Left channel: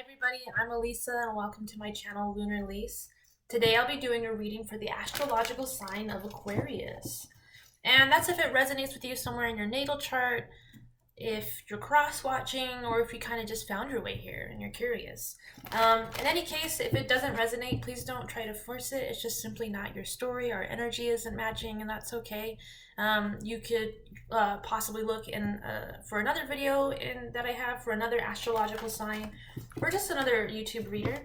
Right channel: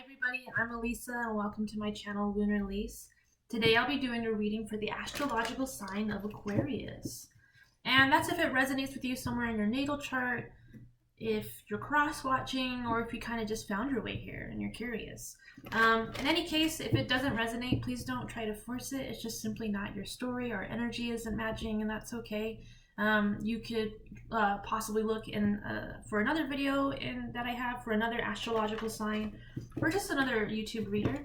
everybody, I'm Elisa and welcome to my channel Lunar Lise. Today I'll be doing a reading for the astrological sign of Aquarius. And that's if it resonates with you somewhere in your natal chart, if you're cross-watching, or if you kind of just found your way here and you're curious. In any case, if it doesn't resonate, please don't try to force it. It's just simply not your story. Our energy isn't matching, and that's okay. You could possibly look in for another video that I have for another astrological sign, or just another YouTube reader.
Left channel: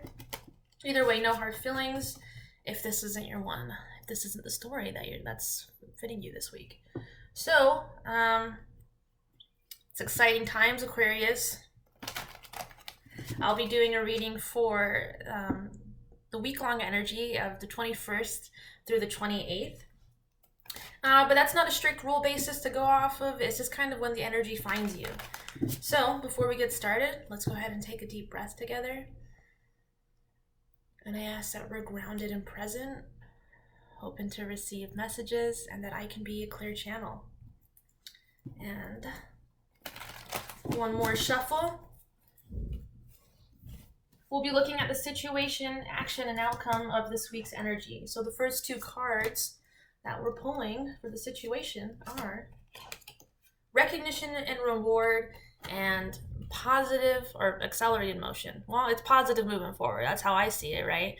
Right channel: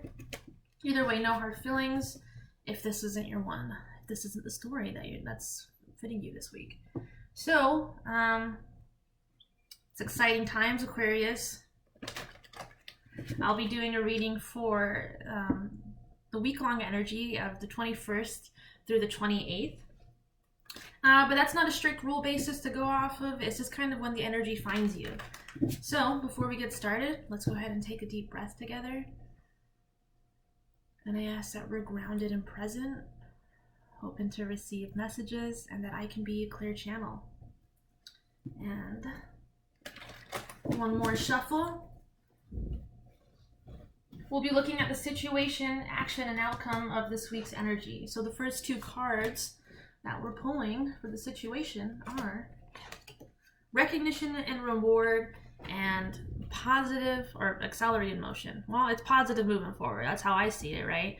Either way, no hard feelings if this isn't your one, if this isn't the story that's fitting you this week. So, it's exciting times, Aquarius. I'll be doing a reading for the week-long energy of the 21st through the 28th. But that's not a strict rule basis to go off of. It's just kind of when the energy finds you. So before we get started, let's go ahead and take a deep breath together. And I ask that we're grounded and present, open to receive messages, and that I can be a clear channel. And one more shuffle. We'll be looking at the situation, action, and outcome of this week's energy. So the first two cards that we're pulling for the situation are recognition and reward and positive or accelerated motion. Well, it's positive moving forward. That's how I see it, right?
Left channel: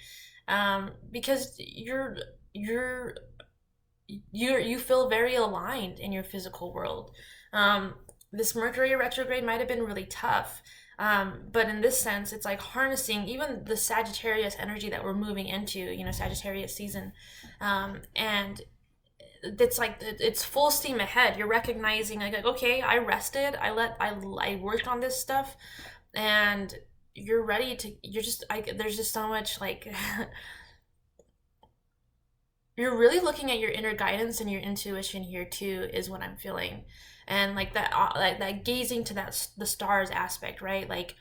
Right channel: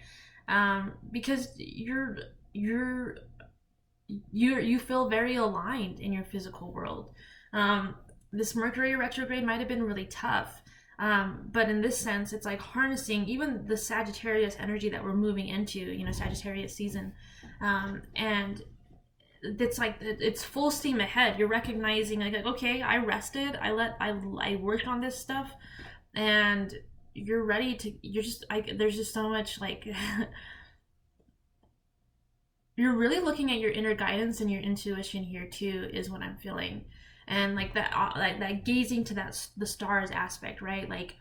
Because you feel very aligned in your physical world. This Mercury retrograde might have been really tough. But in this sense, it's like harnessing even the Sagittarius energy that we're moving into, Sagittarius season. And it's like, it's full steam ahead. You're recognizing like, okay, I rested. I worked on this stuff, and you're ready to, there's just so much like, you're really looking at your inner guidance and your intuition here too, is what I'm feeling. And like that gazing to the stars aspect, right? Like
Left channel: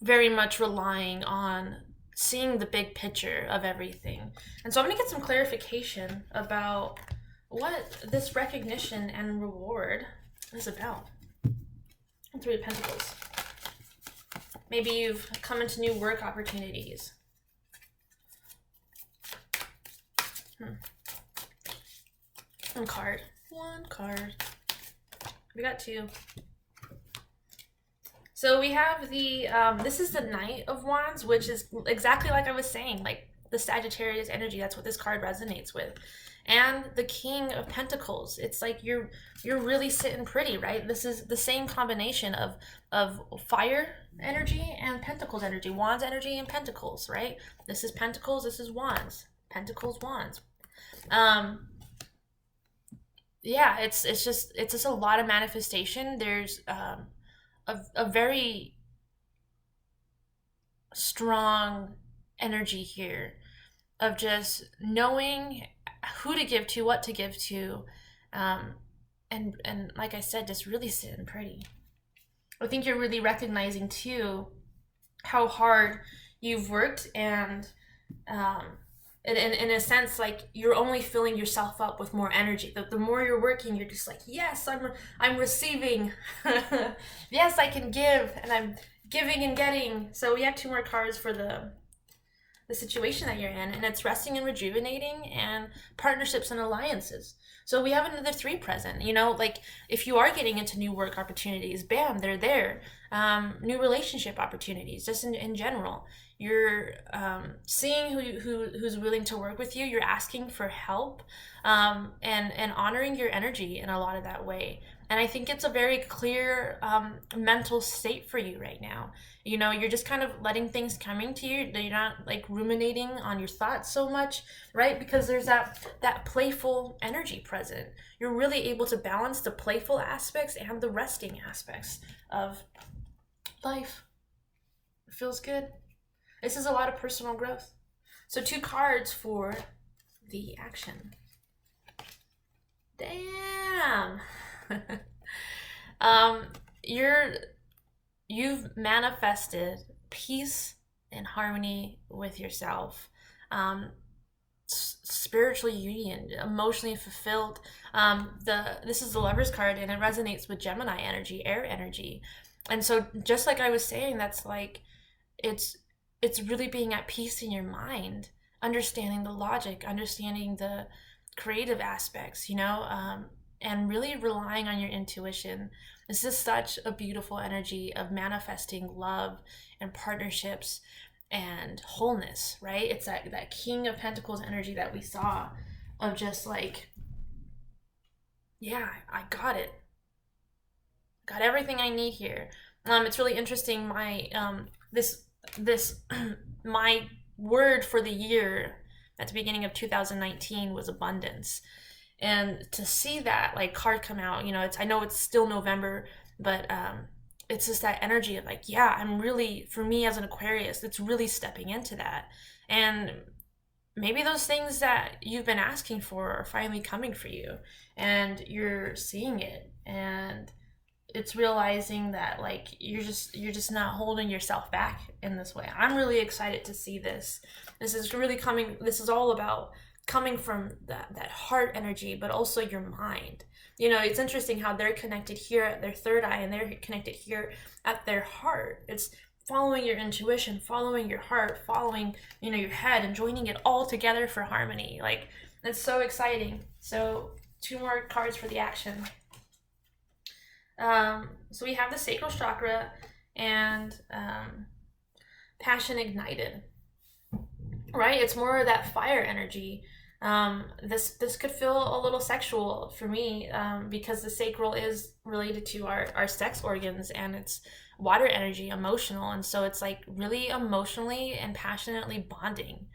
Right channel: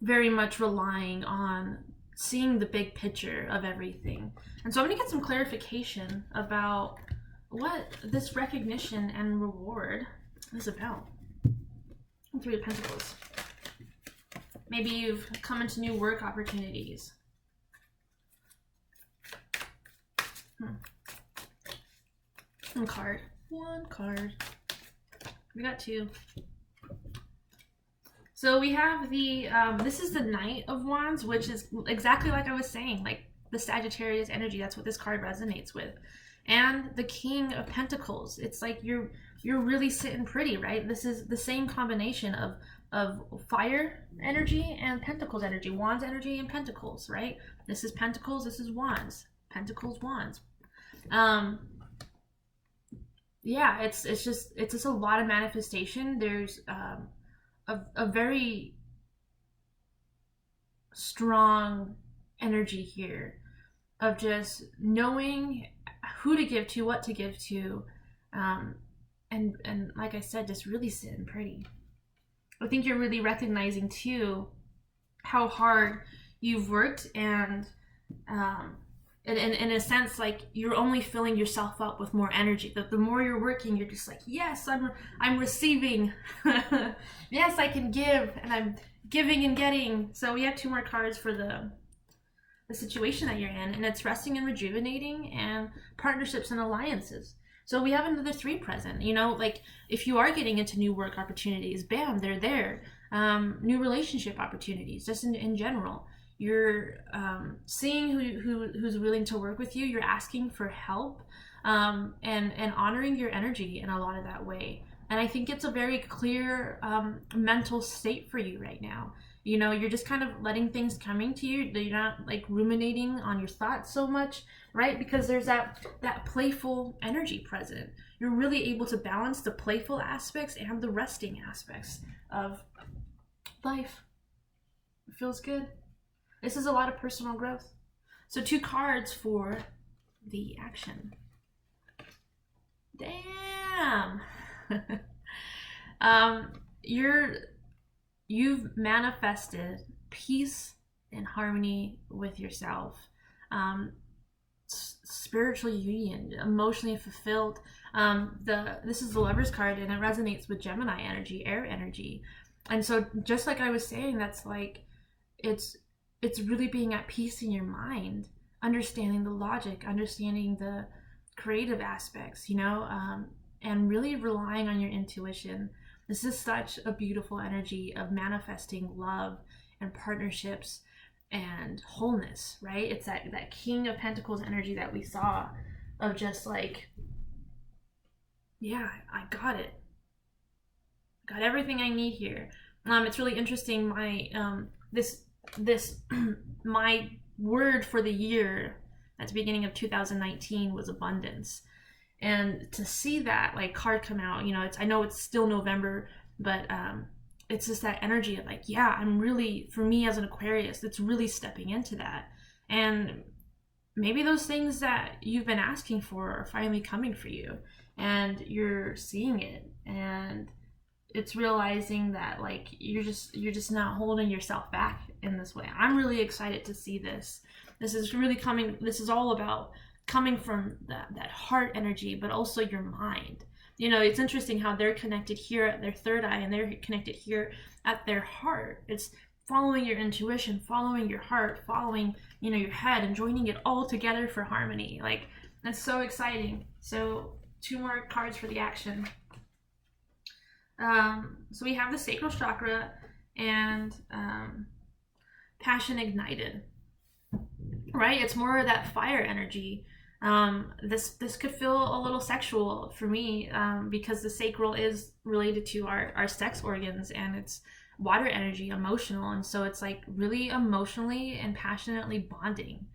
very much relying on seeing the big picture of everything. And so I'm gonna get some clarification about what this recognition and reward is about. Three of Pentacles. Maybe you've come into new work opportunities. One card. We got two. So we have the, this is the Knight of Wands, which is exactly like I was saying, like the Sagittarius energy. That's what this card resonates with. And the King of Pentacles. It's like you're really sitting pretty, right? This is the same combination of fire energy and Pentacles energy. Wands energy and Pentacles, right? This is Pentacles, this is Wands. Pentacles, Wands. Yeah, it's just a lot of manifestation. There's a very strong energy here of just knowing who to give to, what to give to, and like I said, just really sitting pretty. I think you're really recognizing too how hard you've worked, and in a sense, like you're only filling yourself up with more energy. The more you're working, you're just like, yes, I'm receiving. Yes, I can give, and I'm giving and getting. So we have two more cards for the situation that you're in, and it's resting and rejuvenating and partnerships and alliances. So we have another three present. Like if you are getting into new work opportunities, bam, they're there. New relationship opportunities, just in general. You're seeing who's willing to work with you. You're asking for help, and honoring your energy in a lot of that way. And I think it's a very clear mental state for you right now. You're just kind of letting things coming to you. You're not like ruminating on your thoughts so much, right? Because there's that playful energy present. You're really able to balance the playful aspects and the resting aspects of life. It feels good. This is a lot of personal growth. So two cards for the action. Damn. You've manifested peace and harmony with yourself, spiritual union, emotionally fulfilled. This is the Lover's card, and it resonates with Gemini energy, air energy. And so just like I was saying, that's like it's really being at peace in your mind, understanding the logic, understanding the creative aspects, you know, and really relying on your intuition. This is such a beautiful energy of manifesting love and partnerships and wholeness, right? It's that King of Pentacles energy that we saw of just like, yeah, I got it. Got everything I need here. It's really interesting. My this my word for the year at the beginning of 2019 was abundance. And to see that like card come out, you know, I know it's still November, but it's just that energy of like, yeah, I'm really, for me as an Aquarius, that's really stepping into that. And maybe those things that you've been asking for are finally coming for you, and you're seeing it, and it's realizing that like you're just not holding yourself back in this way. I'm really excited to see this. This is really coming, this is all about coming from that heart energy, but also your mind. You know, it's interesting how they're connected here at their third eye and they're connected here at their heart. It's following your intuition, following your heart, following, you know, your head, and joining it all together for harmony. Like, it's so exciting. So 2 more cards for the action. So we have the sacral chakra and passion ignited, right? It's more of that fire energy. This could feel a little sexual for me, because the sacral is related to our sex organs, and it's water energy, emotional, and so it's like really emotionally and passionately bonding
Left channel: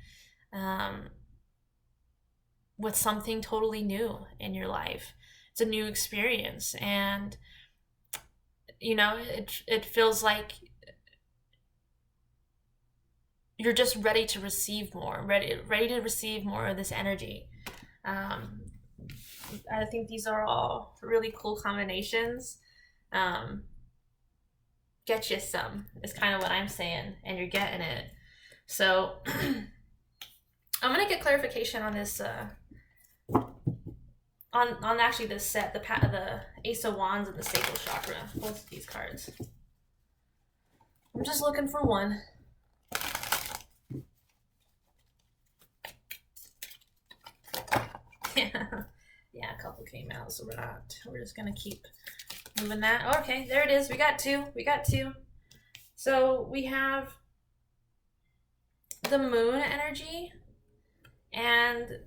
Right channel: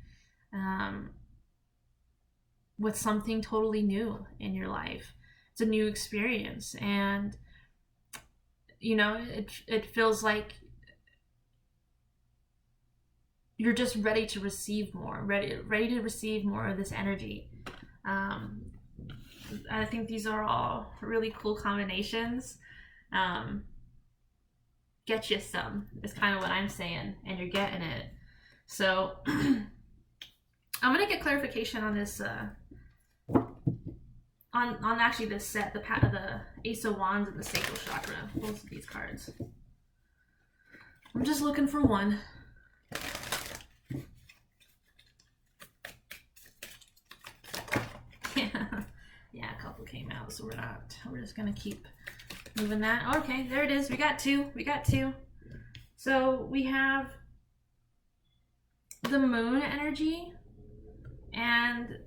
with something totally new in your life. It's a new experience, and you know, it feels like you're just ready to receive more, ready to receive more of this energy. I think these are all really cool combinations. Get you some is kind of what I'm saying, and you're getting it. So I'm gonna get clarification on this on actually this set, the Ace of Wands and the Sacral Chakra, both of these cards. I'm just looking for one. Yeah, a couple came out, so we're just gonna keep moving that. Oh, okay, there it is. We got two. So we have the Moon energy and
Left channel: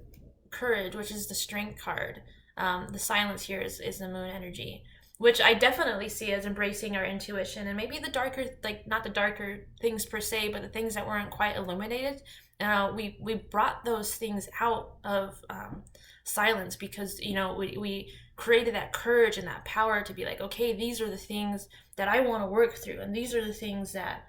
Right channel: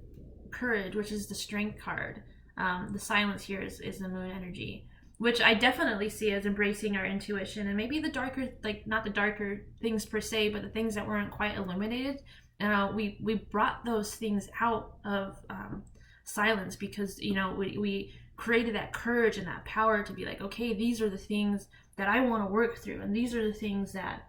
Courage, which is the Strength card. The silence here is the Moon energy, which I definitely see as embracing our intuition, and maybe the darker, like not the darker things per se, but the things that weren't quite illuminated. We brought those things out of silence, because you know we created that courage and that power to be like, okay, these are the things that I want to work through, and these are the things that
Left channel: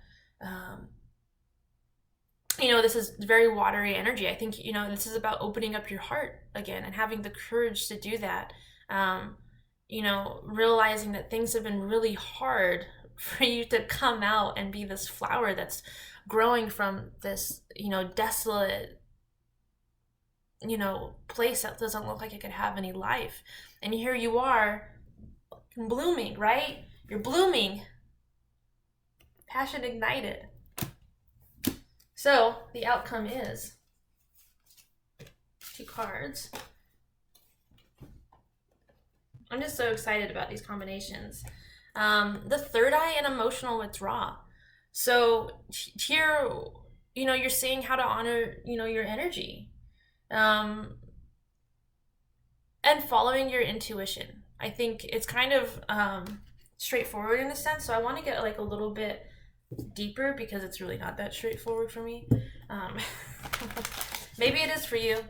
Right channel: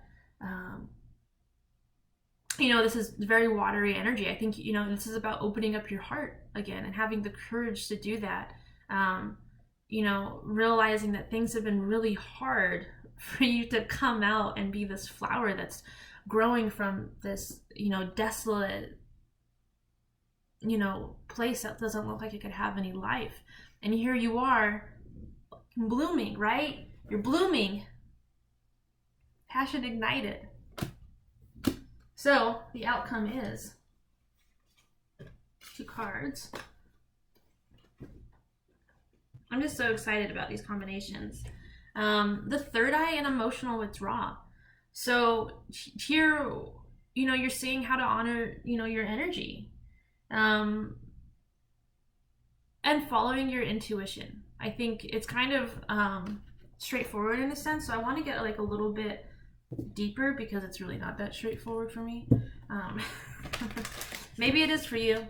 you know, this is very watery energy. I think, you know, this is about opening up your heart again and having the courage to do that. You know, realizing that things have been really hard for you to come out and be this flower that's growing from this, you know, desolate, you know, place that doesn't look like it could have any life. And here you are blooming, right? You're blooming. Passion ignited. So the outcome is 2 cards. I'm just so excited about these combinations. The third eye and emotional withdrawal. So here, you know, you're seeing how to honor, you know, your energy, and following your intuition. I think it's kind of straightforward in a sense. So I want to get like a little bit deeper, because it's really not that straightforward for me. Maybe it is for you,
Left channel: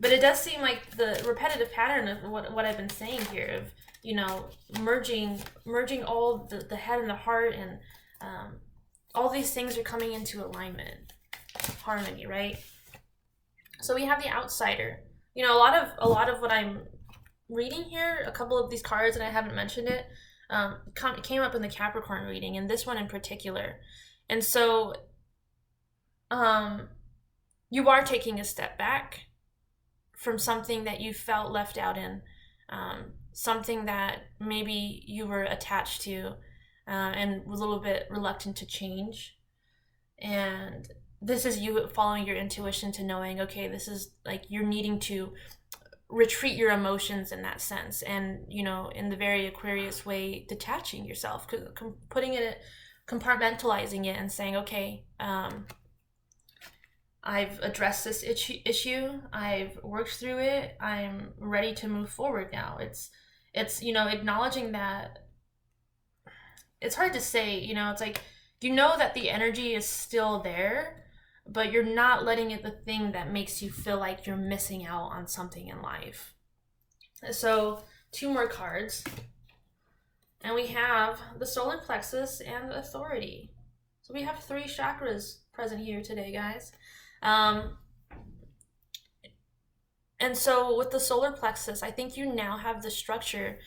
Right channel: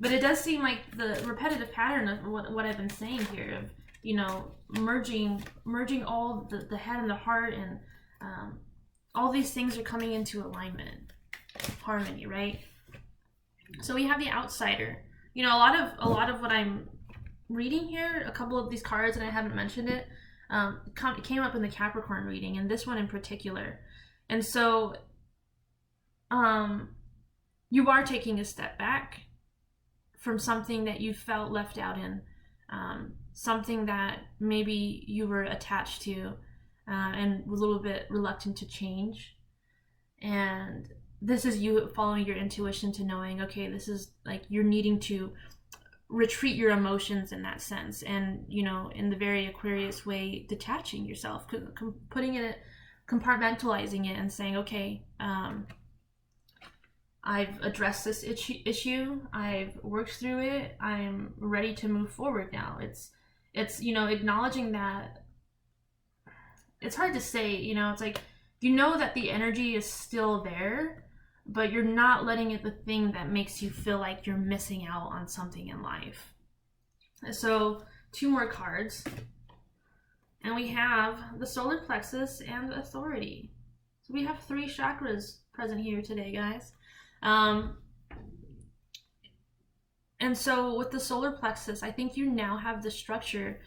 but it does seem like the repetitive pattern of what I've been saying here, of, you know, merging all the head and the heart, and all these things are coming into alignment, harmony, right? So we have the outsider. You know, a lot of what I'm reading here, a couple of these cards, and I haven't mentioned it, came up in the Capricorn reading, and this one in particular. And so you are taking a step back from something that you felt left out in, something that maybe you were attached to, and a little bit reluctant to change. And this is you following your intuition to knowing, okay, this is like you're needing to retreat your emotions in that sense, and you know, in the very Aquarius way, detaching yourself, putting it, compartmentalizing it, and saying, okay, I've addressed this issue, I've worked through it, I'm ready to move forward now. It's you know, acknowledging that it's hard to say, you know, it's like, you know that the energy is still there, but you're not letting it the thing that makes you feel like you're missing out on something in life. So 2 more cards, and we have the solar plexus and authority. So we have 3 chakras present here today, guys. And so with the solar plexus, I think you now have the structure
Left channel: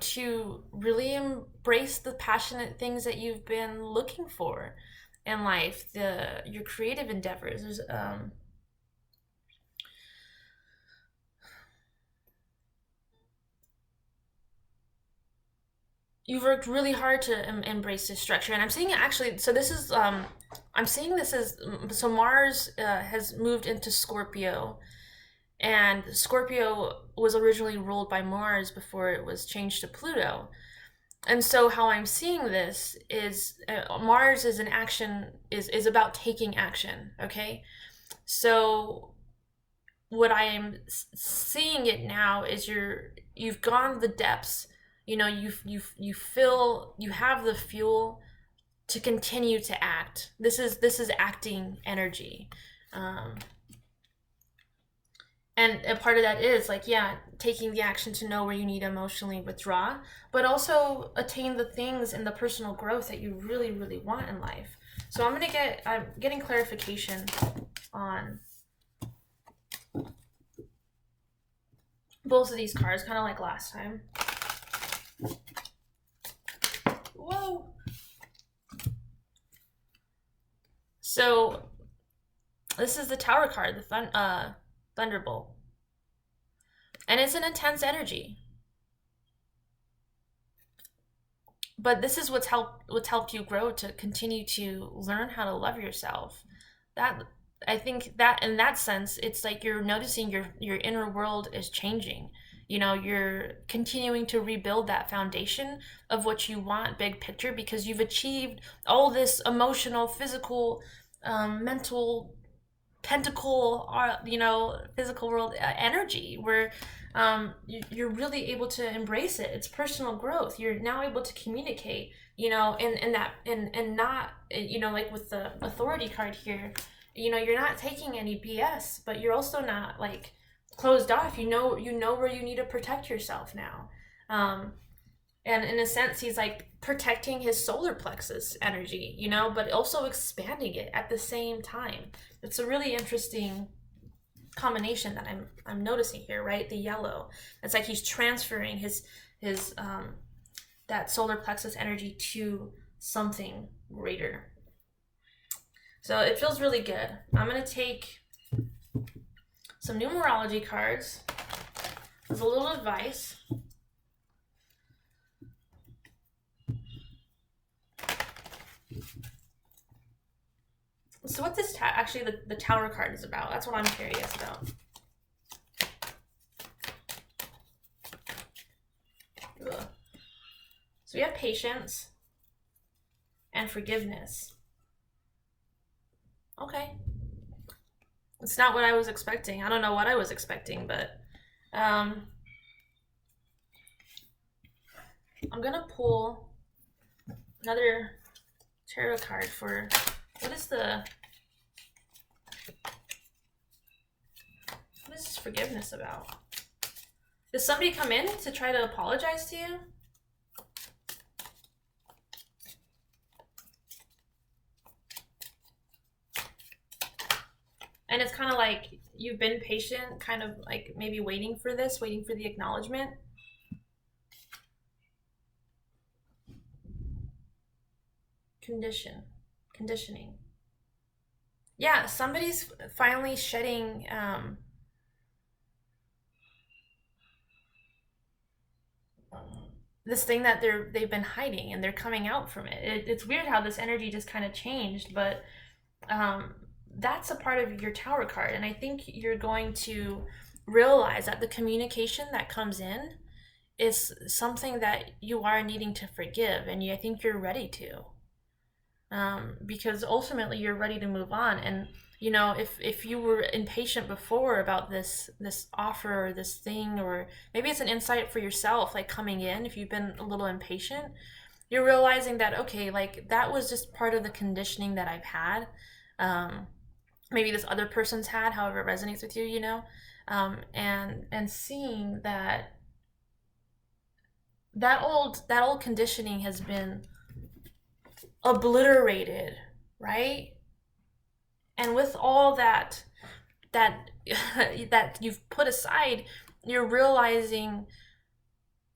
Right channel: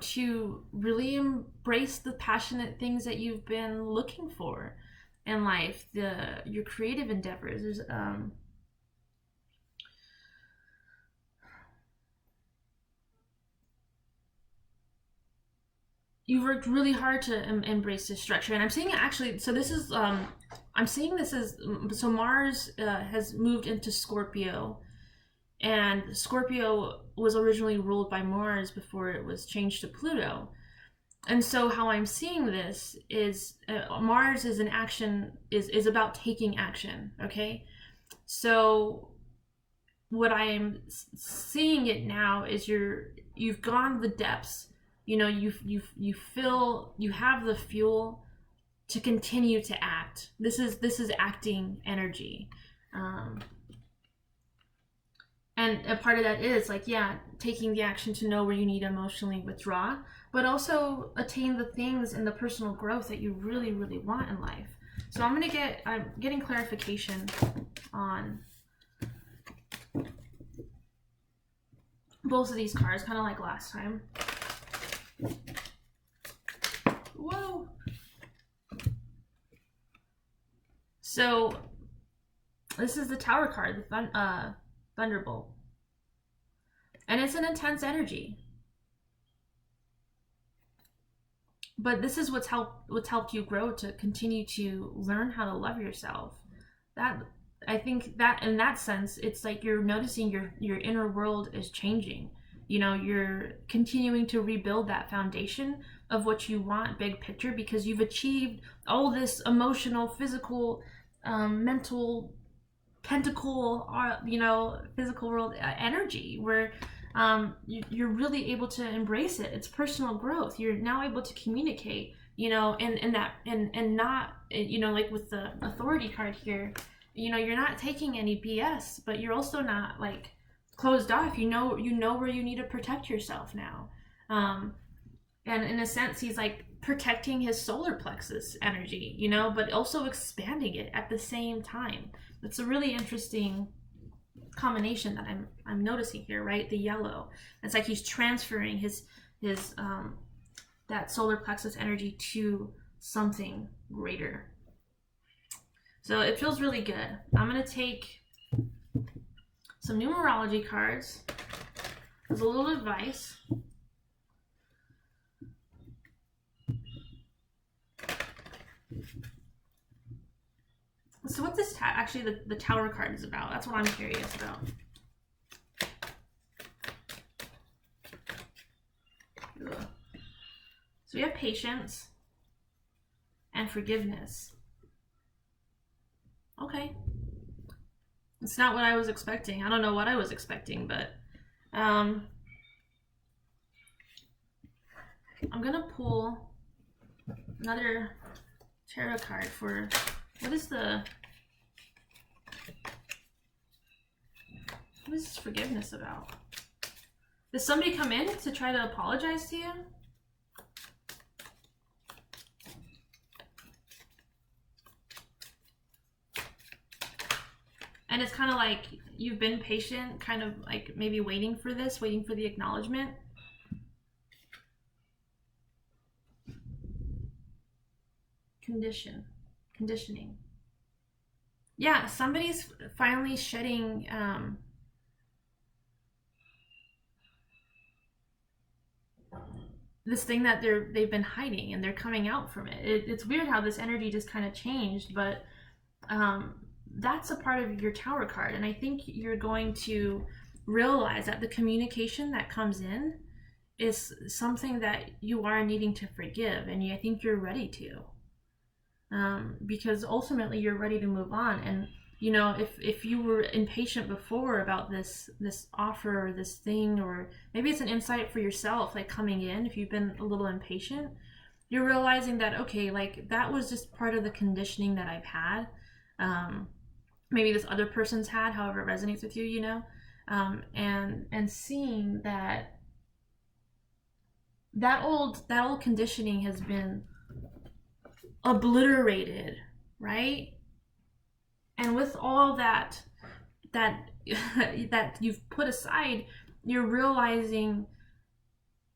to really embrace the passionate things that you've been looking for in life, your creative endeavors. There's you've worked really hard to embrace this structure, and I'm saying it actually. So this is I'm saying this is, so Mars has moved into Scorpio, and Scorpio was originally ruled by Mars before it was changed to Pluto. And so how I'm seeing this is Mars is an action, is about taking action, okay? So what I am seeing it now is you've gone the depths, you know, you feel you have the fuel to continue to act. This is acting energy. And a part of that is like, yeah, taking the action to know where you need to emotionally withdraw, but also attain the things and the personal growth that you really, really want in life. So I'm getting clarification on both of these cards, kind of like last time. Whoa. So this is the Tower card, the Thunderbolt. And it's an intense energy. But this is what's helped you grow to continue to learn how to love yourself. That, I think that in that sense, it's like you're noticing your inner world is changing. You know, you're continuing to rebuild that foundation of what you want, big picture, because you've achieved all this emotional, physical, mental, pentacle, you know, physical world energy, where you're really able to embrace it. It's personal growth. You're now able to communicate, you know, and not, you know, like with the authority card here, you know, you're not taking any BS, but you're also not like closed off. You know where you need to protect yourself now. And in a sense, he's like protecting his solar plexus energy, you know, but also expanding it at the same time. It's a really interesting combination that I'm noticing here, right? The yellow. It's like he's transferring his that solar plexus energy to something greater. So it feels really good. I'm gonna take some numerology cards as a little advice. So what this actually the Tower card is about, that's what I'm curious about. Ugh. So we have patience and forgiveness. Okay. It's not what I was expecting. I don't know what I was expecting, but I'm gonna pull another tarot card for, what is forgiveness about? Does somebody come in to try to apologize to you? And it's kind of like you've been patient, kind of like maybe waiting for the acknowledgement. Conditioning. Yeah, somebody's finally shedding this thing that they've been hiding, and they're coming out from it. It's weird how this energy just kind of changed, but that's a part of your Tower card, and I think you're going to realize that the communication that comes in is something that you are needing to forgive, and I think you're ready to, because ultimately you're ready to move on. And you know, if you were impatient before about this offer or this thing, or maybe it's an insight for yourself, like coming in, if you've been a little impatient, you're realizing that, okay, like that was just part of the conditioning that I've had. Maybe this other person's had, however it resonates with you, you know, and seeing that old conditioning has been obliterated, right? And with all that you've put aside, you're realizing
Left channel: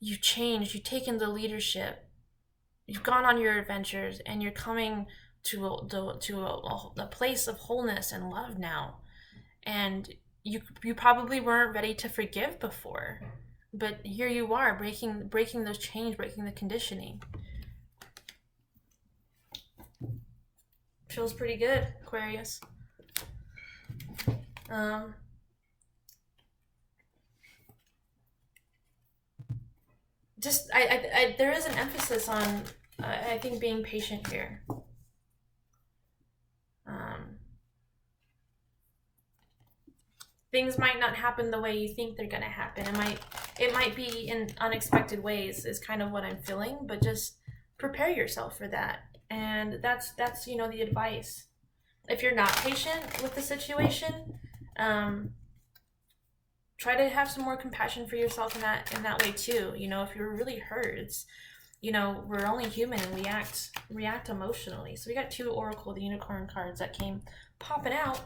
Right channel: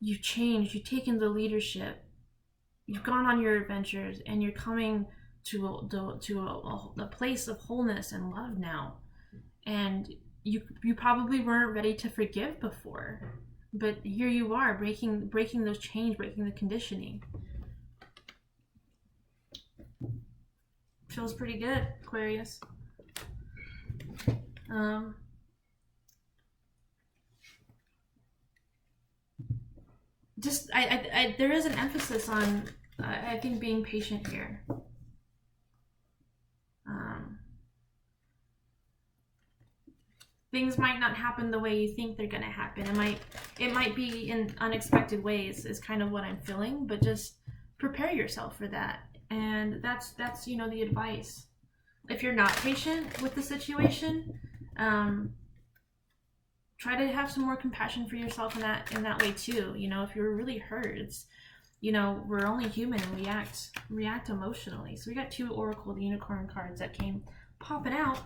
you've changed, you've taken the leadership, you've gone on your adventures, and you're coming to a place of wholeness and love now. And you probably weren't ready to forgive before, but here you are, breaking those chains, breaking the conditioning. Feels pretty good, Aquarius. Just I there is an emphasis on I think being patient here. Things might not happen the way you think they're gonna happen. It might be in unexpected ways, is kind of what I'm feeling, but just prepare yourself for that. And that's you know, the advice. If you're not patient with the situation, try to have some more compassion for yourself in that way too. You know, if you're really hurt, it's, you know, we're only human and we react emotionally. So we got 2 Oracle, the Unicorn cards that came popping out.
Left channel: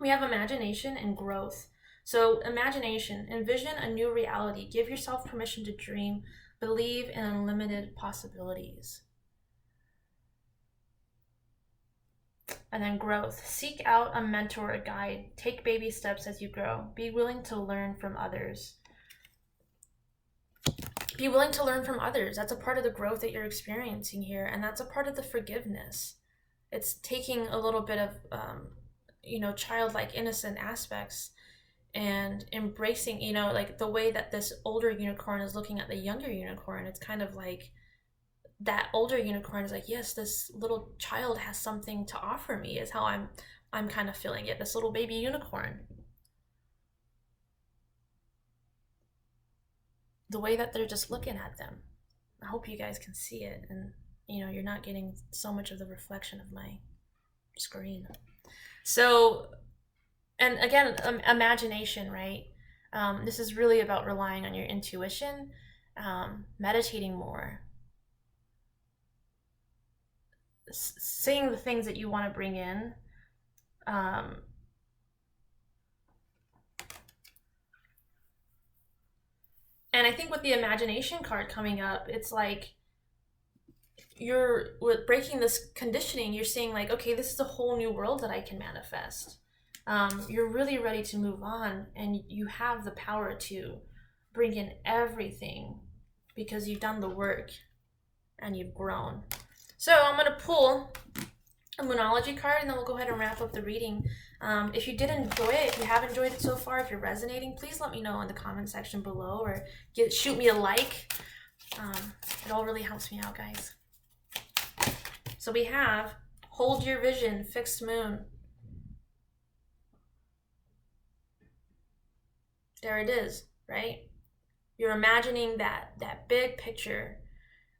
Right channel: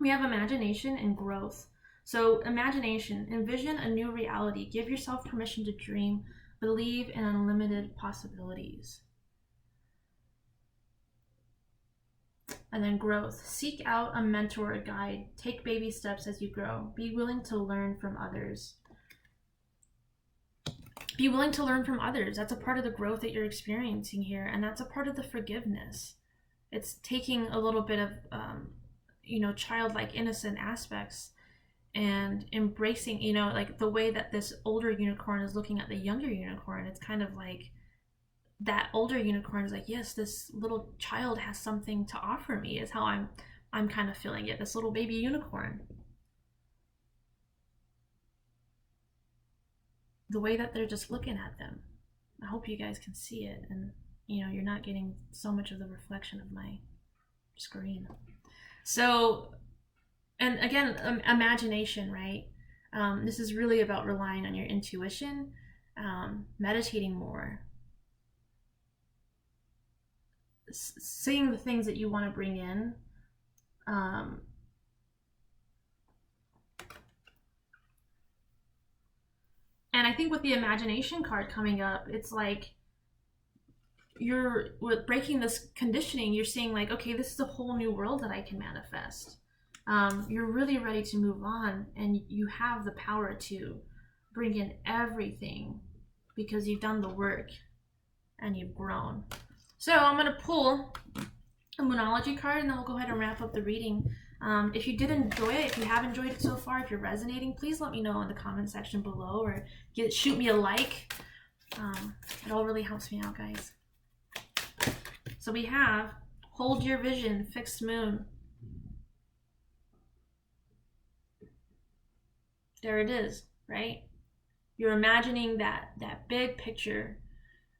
We have imagination and growth. So imagination, envision a new reality. Give yourself permission to dream. Believe in unlimited possibilities. And then growth. Seek out a mentor or guide. Take baby steps as you grow. Be willing to learn from others. Be willing to learn from others. That's a part of the growth that you're experiencing here. And that's a part of the forgiveness. It's taking a little bit of, you know, childlike, innocent aspects and embracing, you know, like the way that this older unicorn is looking at the younger unicorn. It's kind of like that older unicorn is like, yes, this little child has something to offer me, is how I'm kind of feeling it. This little baby unicorn. The way that they're just looking at them. I hope you guys can see it, and you know, you're not getting so much of the reflection of my screen. So, and again, imagination, right? This is really about relying on your intuition, meditating more, seeing the things that you want to bring in. And I think with the imagination card coming up, it's like with breaking this conditioning, you're seeing like, okay, this is a whole new world that I can manifest. You're really ready to move on, and you have the power to bring in everything because you've done the work and you've grown. So I'm going to pull a Moonology card, and then we'll go ahead and wrap up the reading. If you did enjoy it, if you have enjoyed it so far, if you're resonating, please let me know in the comment section below, or shoot me a like. It all really helps me out, guys. So we have hold your vision, fixed moon. There it is, right? You're imagining that big picture,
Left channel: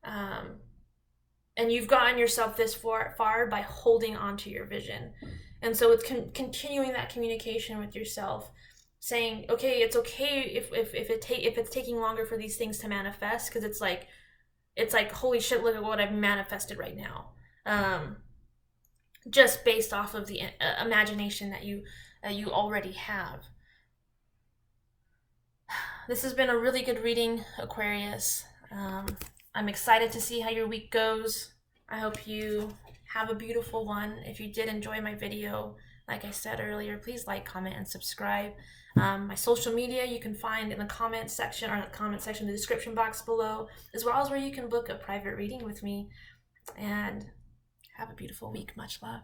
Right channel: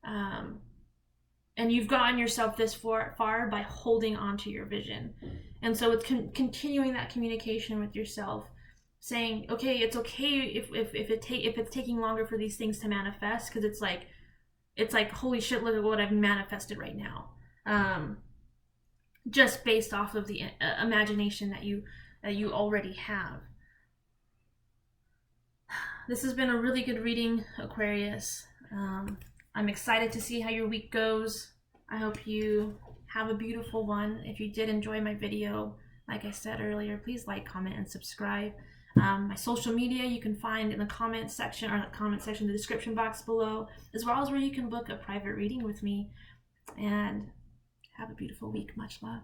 and you've gotten yourself this far by holding on to your vision. And so it's continuing that communication with yourself, saying, okay, it's okay if it's taking longer for these things to manifest, because it's like holy shit, look at what I've manifested right now, just based off of the imagination that you already have. This has been a really good reading, Aquarius. I'm excited to see how your week goes. I hope you have a beautiful one. If you did enjoy my video, like I said earlier, please like, comment, and subscribe. My social media you can find in the comment section, or the description box below, as well as where you can book a private reading with me. And have a beautiful week. Much love.